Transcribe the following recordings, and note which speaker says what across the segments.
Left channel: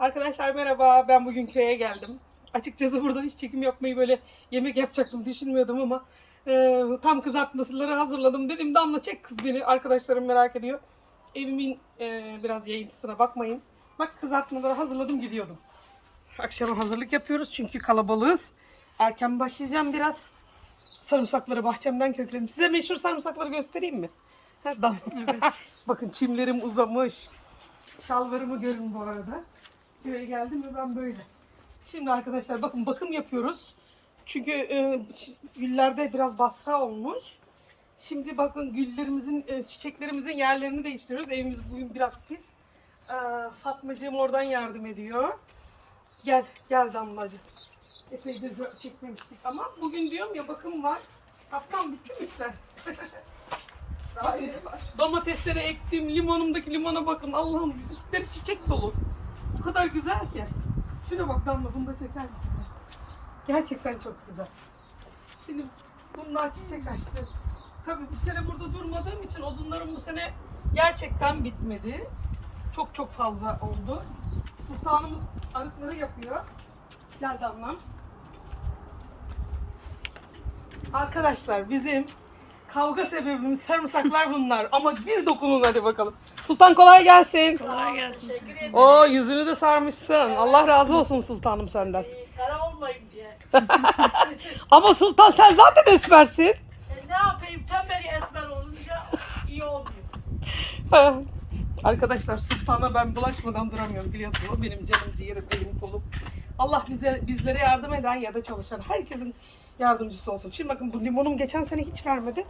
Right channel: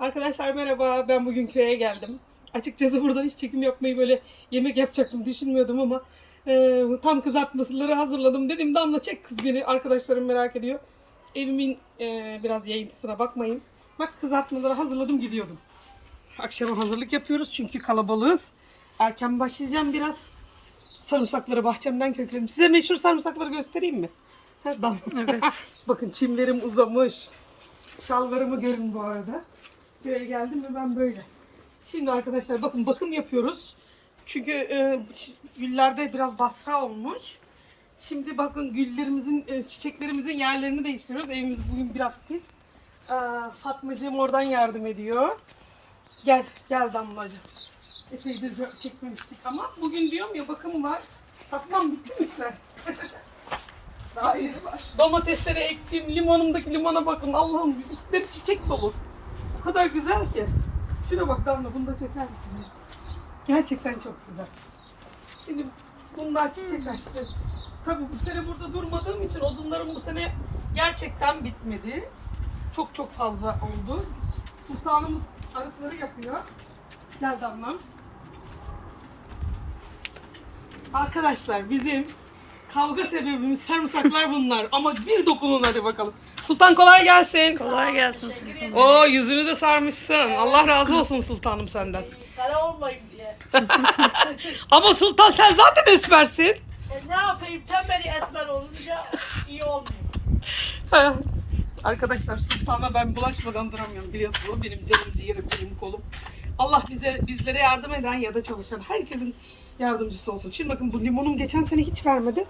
Speaker 1: Arkadaşlar merhaba. Ben bugün köye geldim. Açıkçası buradan hiç çekim yapmayı böyle yemek yapacaktım düşünmüyordum ama e, tam kızartmaları hazırladım. Dedim Damla çek kız beni. Arkadaşlarım merak ediyor. Evimin e, biraz yayıntısına bakmayın. Bak kızartmaları hazırladım gidiyordum. Akşama hazırlık yapıyoruz çünkü kalabalığız. Erken başlayacağım biraz. Sarımsakları bahçemden kökledim. Size meşhur sarımsakları göstereyim mi? Damla.
Speaker 2: Evet.
Speaker 1: Bakın çimlerim uzamış. Şalvarımı görün bu arada. Köye geldim mi ben böyle. Şimdi arkadaşlar bakın bakım yapıyoruz. Çünkü e, güllerde biraz basra olmuş. Şimdi bakın güllerimizin, e, çiçeklerimizin yerlerini değiştiriyoruz. Evimiz bugün biraz pis. Ee, Fatmacığım oradan yardım ediyor. Gel, gel Damlacığım. Epeydir çekmemiştik ama bugün diyorum ya bakım var. Fatmam bitti mi işler? Domateslere ektim. Limonumdaki limona bakın. Allah'ım üstleri çiçek dolu. O kadar güzel ki. Şuna bak Damla bunu da çeker misin? Gerçekten çok güzel. Şimdi bunlar çiçek açtı. Tabii bu sene burada durmadığım için odunlarım bu sene gerçekten bitmedi. Çok çok fazla oldu. Sultanımız arıkları yapıyor. Gel Damla. Arkadaşlar bizim kavga sebebimiz sarımsaklar bunlar. Ama bir dokunun hadi bakalım. Sultan kolay gelsin.
Speaker 2: Kolay gelsin sultanım.
Speaker 1: Oo yüzünü de sarmışsın. Allah razı olsun sultanım senden.
Speaker 3: Kara olmayın diye.
Speaker 1: Ama sultan sen zaten esmersin.
Speaker 3: E ne yapayım tembeli esmer olunca iyi olmuyor.
Speaker 1: Arkadaşlar sultana ben bulaşmadan duramıyorum biliyorsunuz. O benim canım ciğerim, elim kolum. Allah bize bizlere yardım eden ya da çalışan herkesin yardımcısı olsun. Şimdi bakın bu limonum geçen sene hiç vermedi.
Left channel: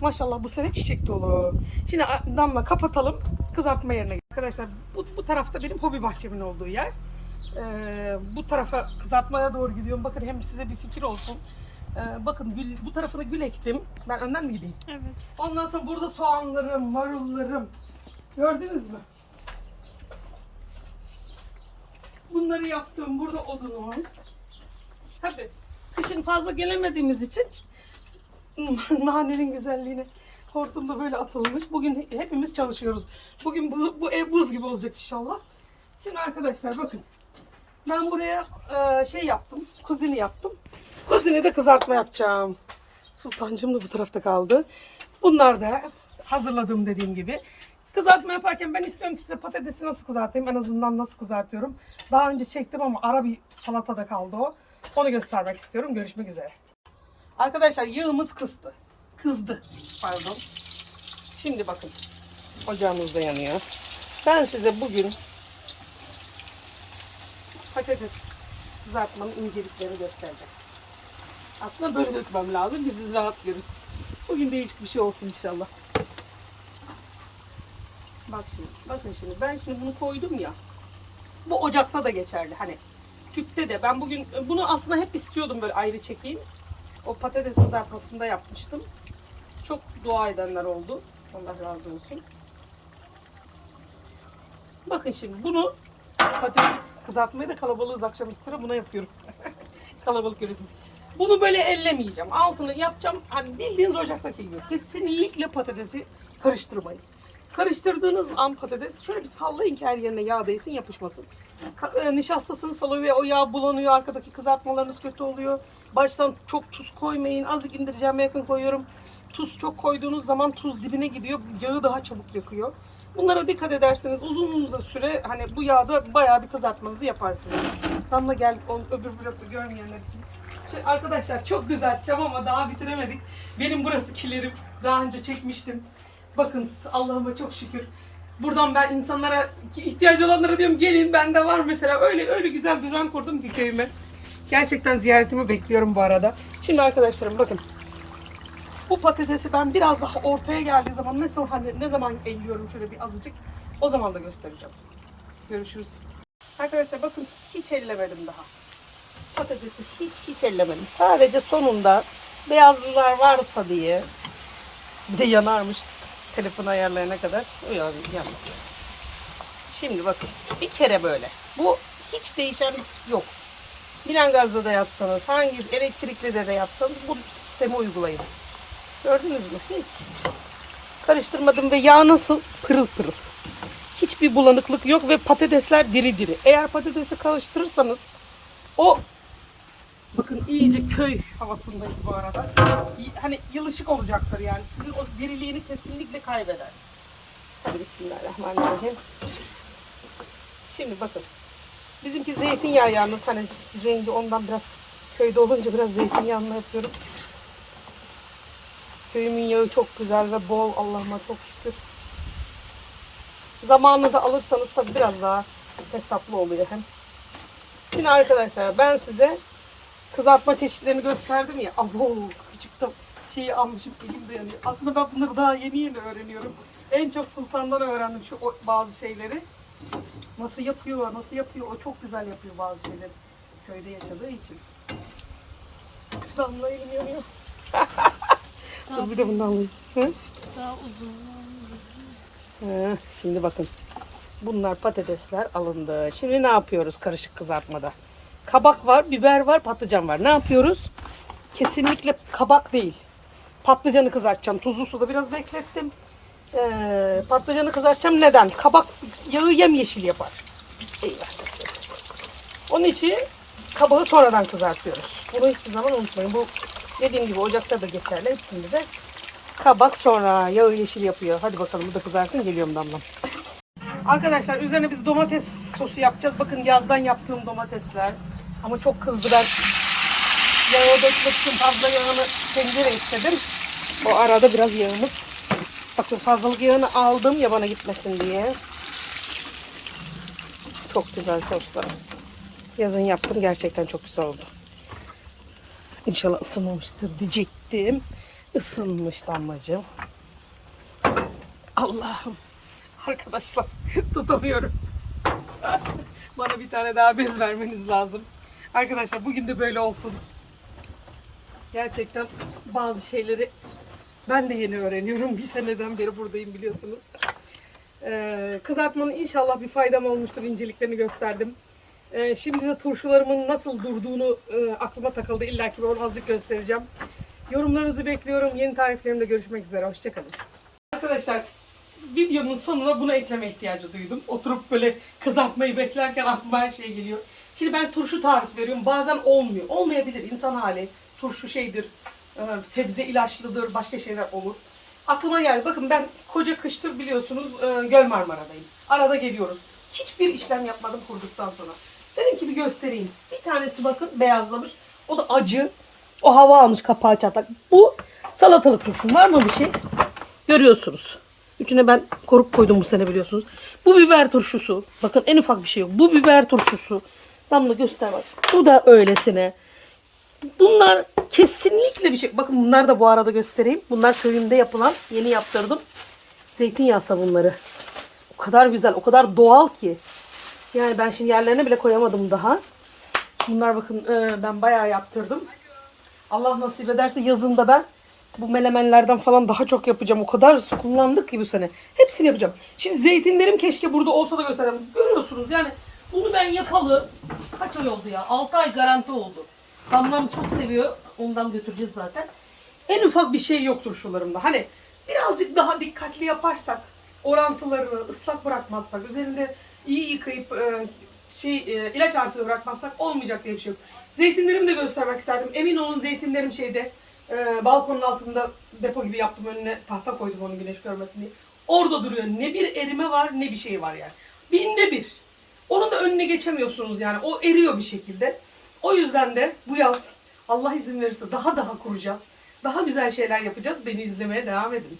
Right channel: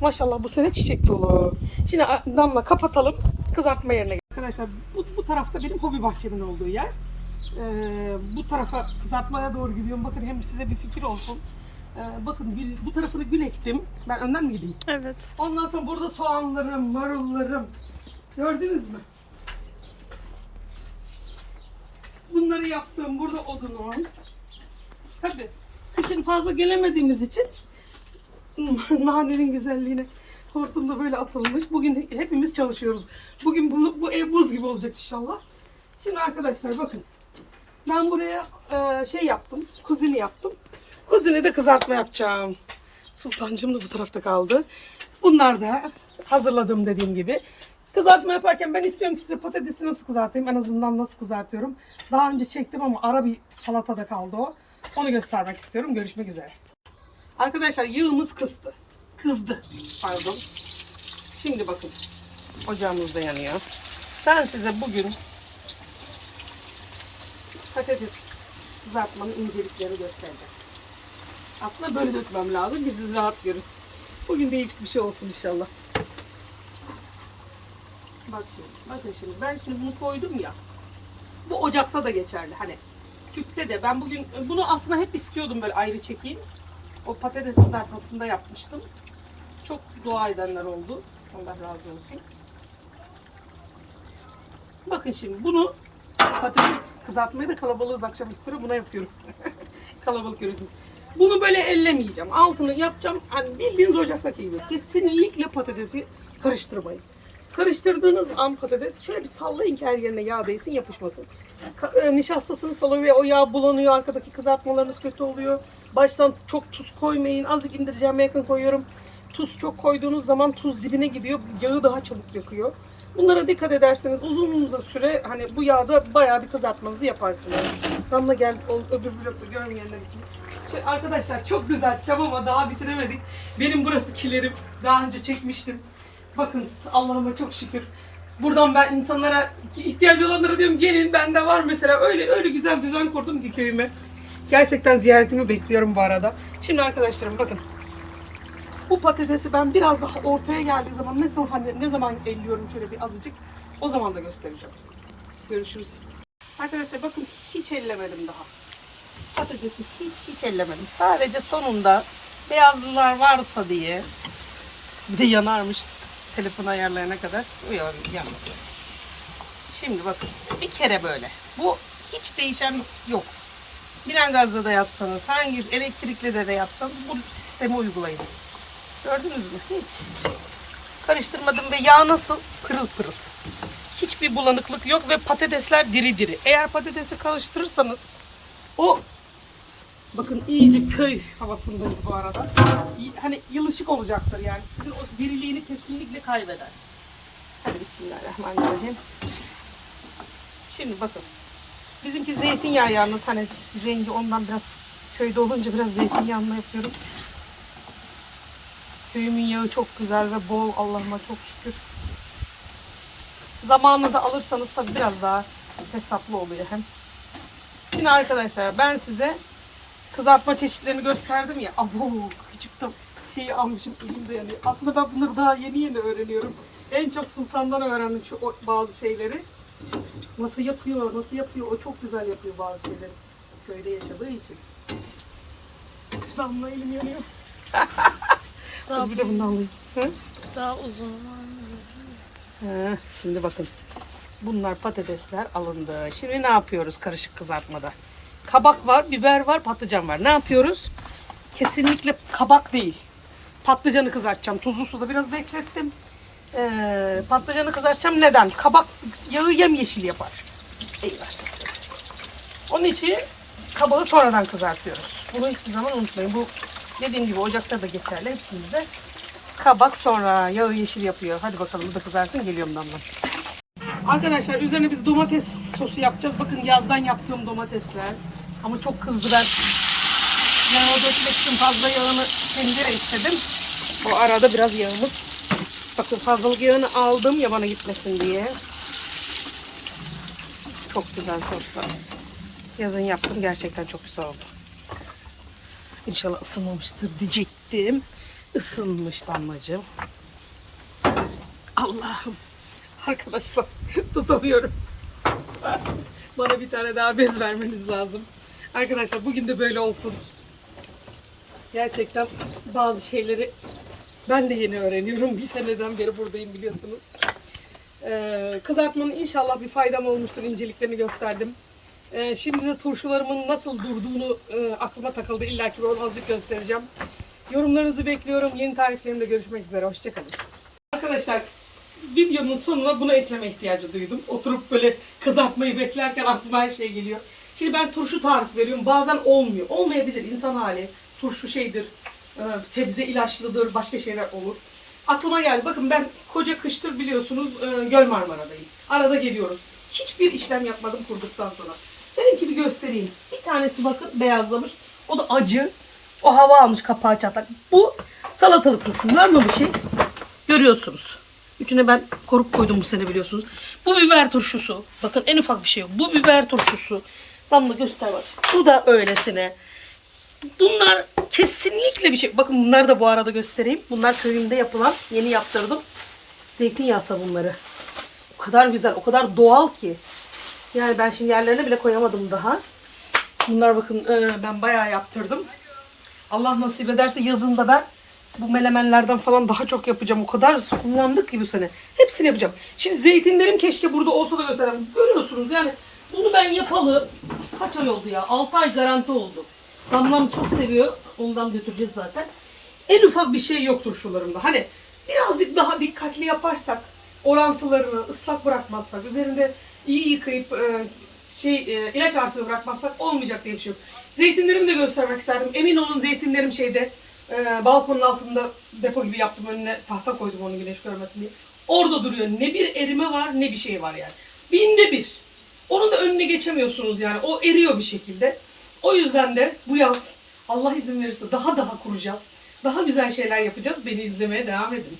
Speaker 1: Maşallah bu sene çiçek dolu. Şimdi damla kapatalım. Kızartma yerine. Arkadaşlar bu, bu tarafta benim hobi bahçemin olduğu yer. Ee, bu tarafa kızartmaya doğru gidiyorum. Bakın hem size bir fikir olsun. Ee, bakın gül, bu tarafına gül ektim. Ben önden mi gideyim?
Speaker 2: Evet.
Speaker 1: Ondan sonra burada soğanlarım, marullarım. Gördünüz mü? Bunları yaptım. Burada odunum. Tabii. Fazla gelemediğimiz için nanenin güzelliğine hortumda böyle atılmış. Bugün hepimiz çalışıyoruz. Bugün bu, bu ev buz gibi olacak inşallah. Şimdi arkadaşlar bakın. Ben buraya e, şey yaptım. Kuzini yaptım. Kuzini de kızartma yapacağım. Sultancığım da bu tarafta kaldı. Bunlar da hazırladım dediğim gibi. Kızartma yaparken ben istiyorum ki size patatesi nasıl kızartayım. En azından nasıl kızartıyorum. Daha önce çektim ama ara bir salatada kaldı o. Onu göstermek istiyorum. Görüşmek üzere. Arkadaşlar yağımız kızdı. Kızdı. Pardon. Şimdi bakın. Ocağımız da yanıyor. Ben size bugün patates kızartmanın inceliklerini göstereceğim. Aslında böyle dökmem lazım ki siz rahat görün. Bugün değişik bir şey olsun inşallah. Bak şimdi, bakın şimdi ben şimdi bunu koydum ya. Bu ocakta da geçerli hani. Tüpte de ben bugün bunu aslında hep istiyordum böyle ayrı çekeyim. O patates kızartmasında yapmıştım. Çok dua edenler oldu. Allah razı olsun. Bakın şimdi bunu patates kızartmayı da kalabalığız akşam iftara buna yapıyorum. Kalabalık görürsün. Bunu böyle ellemeyeceğim. Altını yapacağım. Hani bildiğiniz ocaktaki gibi. Kesinlikle patatesi karıştırmayın. Karıştırdığınız an patates şöyle bir sallayın ki her yerine yağ değsin yapışmasın. E, nişastasını salıyor ve o yağ bulanıyor. Arkadaki kızartmalarınız kötü oluyor. Baştan çok tuz koymayın. Azıcık indireceğime yakın koyuyorum. Tuz çok koyduğunuz zaman tuz dibine gidiyor. Yağı daha çabuk yakıyor. Bunlara dikkat ederseniz uzun süre hani bu yağda bayağı bir kızartmanızı yaparsınız. Damla gel öbür blokta görmeyenler için. Şey, arkadaşlar çok kızartacağım ama daha bitiremedik. Benim burası kilerim. Daha önce çekmiştim. Bakın Allah'ıma çok şükür. Buradan ben insanlara ihtiyacı olanlara diyorum gelin bende var mesela öyle öyle güzel düzen kurdum ki köyüme. Gerçekten ziyaretimi bekliyorum bu arada. Şimdi arkadaşlarım bakın. Bu patatesi ben biraz daha ortaya geldiği zaman nasıl hani ne zaman elliyorum şöyle bir azıcık o zaman da göstereceğim. Görüşürüz. Arkadaşlar bakın hiç ellemedim daha. Patatesi hiç hiç ellemedim. Sadece sonunda beyazlılar varsa diye bir de yanarmış telefon ayarlarına kadar. O yan, yanmadı. Şimdi bakın bir kere böyle. Bu hiç değişen yok. Bilen gazla da yapsanız, hangi elektrikli de de yapsanız bu sistemi uygulayın. Gördünüz mü? Hiç. Karıştırmadım ve yağ nasıl? Pırıl pırıl. Hiçbir bulanıklık yok ve patatesler diri diri. Eğer patatesi karıştırırsanız o bakın iyice köy havasındayız bu arada. Hani yılışık olacaktır yani. Sizin o diriliğini kesinlikle kaybeder. Hadi bismillahirrahmanirrahim. Şimdi bakın. Bizimki zeytinyağı yalnız hani rengi ondan biraz köyde olunca biraz zeytinyağını yapıyorum. Köyümün yağı çok güzel ve bol Allah'ıma çok şükür. Zamanını da alırsanız tabii biraz daha hesaplı oluyor hem. Şimdi arkadaşlar ben size kızartma çeşitlerini gösterdim ya. Abo küçükten şeyi almışım elimde yani. Aslında ben bunları daha yeni yeni öğreniyorum. En çok sultandan öğrendim şu o- bazı şeyleri. Nasıl yapıyor, nasıl yapıyor. O çok güzel yapıyor bazı şeyleri. Köyde yaşadığı için. Damla elim yanıyor.
Speaker 3: Daha,
Speaker 1: Bir de bundan alayım. Hı?
Speaker 3: daha uzun var mı?
Speaker 1: He, Şimdi bakın. Bunlar patatesler alındı. Şimdi ne yapıyoruz karışık kızartmada? Kabak var, biber var, patlıcan var. Ne yapıyoruz? Kesinlikle kabak değil. Patlıcanı kızartacağım. Tuzlu suda biraz beklettim. Ee, patlıcanı kızartacağım. Neden? Kabak yağı yemyeşil yapar. Eyvah. Onun için kabağı sonradan kızartıyoruz. Bunu hiçbir zaman unutmayın. Bu dediğim gibi ocakta da geçerli. Hepsinde de kabak sonra yağı yeşil yapıyor. Hadi bakalım bu da kızarsın. Geliyorum damla. Arkadaşlar üzerine biz domates sosu yapacağız. Bakın yazdan yaptığım domatesler. Ama çok kızdı ben. Yağı beklettim. Fazla yağını tencere istedim. O arada biraz yağımız. Bakın fazlalık yağını aldım yabana gitmesin diye. Çok güzel soslar. Yazın yaptım gerçekten çok güzel oldu. İnşallah ısınmamıştır diyecektim. Isınmış damlacığım. Allah'ım. Arkadaşlar tutamıyorum. Bana bir tane daha bez vermeniz lazım. Arkadaşlar bugün de böyle olsun. Gerçekten bazı şeyleri ben de yeni öğreniyorum. Bir seneden beri buradayım biliyorsunuz. Ee, kızartmanın inşallah bir faydam olmuştur. İnceliklerini gösterdim. Ee, şimdi de turşularımın nasıl durduğunu e, aklıma takıldı. İlla ki onu azıcık göstereceğim. Yorumlarınızı bekliyorum. Yeni tariflerimde görüşmek üzere. Hoşçakalın. Arkadaşlar videonun sonuna bunu ekleme ihtiyacı duydum. Oturup böyle kızartmayı beklerken aklıma her şey geliyor. Şimdi ben turşu tarifi veriyorum. Bazen olmuyor. Olmayabilir insan hali. Turşu şeydir. e, Sebze ilaçlıdır. Başka şeyler olur. Aklıma geldi. Bakın ben koca kıştır biliyorsunuz e, Göl Marmara'dayım. Arada geliyoruz. Hiçbir işlem yapmadım kurduktan sonra. Dedim ki bir göstereyim. Bir tanesi bakın beyazlamış. O da acı. O hava almış kapağı çatlak. Bu salatalık turşu. Var mı bir şey? Görüyorsunuz. Üçüne ben koruk koydum bu sene biliyorsunuz. Bu biber turşusu. Bakın en ufak bir şey yok. Bu biber turşusu. Damla göster bak. Bu da öylesine. Bunlar kesinlikle bir şey. Bakın bunlar da bu arada göstereyim. Bunlar köyümde yapılan yeni yaptırdım. Zeytinyağı sabunları. O kadar güzel, o kadar doğal ki. Yani ben şimdi yerlerine bile koyamadım daha. Bunlar bakın e, ben bayağı yaptırdım. Allah nasip ederse yazında ben bu melemenlerden falan daha çok yapacağım. O kadar kullandık ki bu sene. Hepsini yapacağım. Şimdi zeytinlerim keşke burada olsa da göstereyim. Görüyorsunuz yani bunu ben yapalı kaç ay oldu ya? 6 ay garanti oldu. Damlam çok seviyor. Ondan götüreceğiz zaten. En ufak bir şey yok turşularımda. Hani birazcık daha dikkatli yaparsak, orantılarını ıslak bırakmazsak, üzerinde iyi yıkayıp e, şey e, ilaç artığı bırakmazsak olmayacak diye bir şey yok. Zeytinlerimi de göstermek isterdim. Emin olun zeytinlerim şeyde e, balkonun altında depo gibi yaptım önüne tahta koydum onu güneş görmesin diye. Orada duruyor. Ne bir erime var ne bir şey var yani. Binde bir. Onun da önüne geçemiyorsunuz yani. O eriyor bir şekilde. O yüzden de bu yaz Allah izin verirse daha daha kuracağız. Daha güzel şeyler yapacağız. Beni izlemeye devam edin.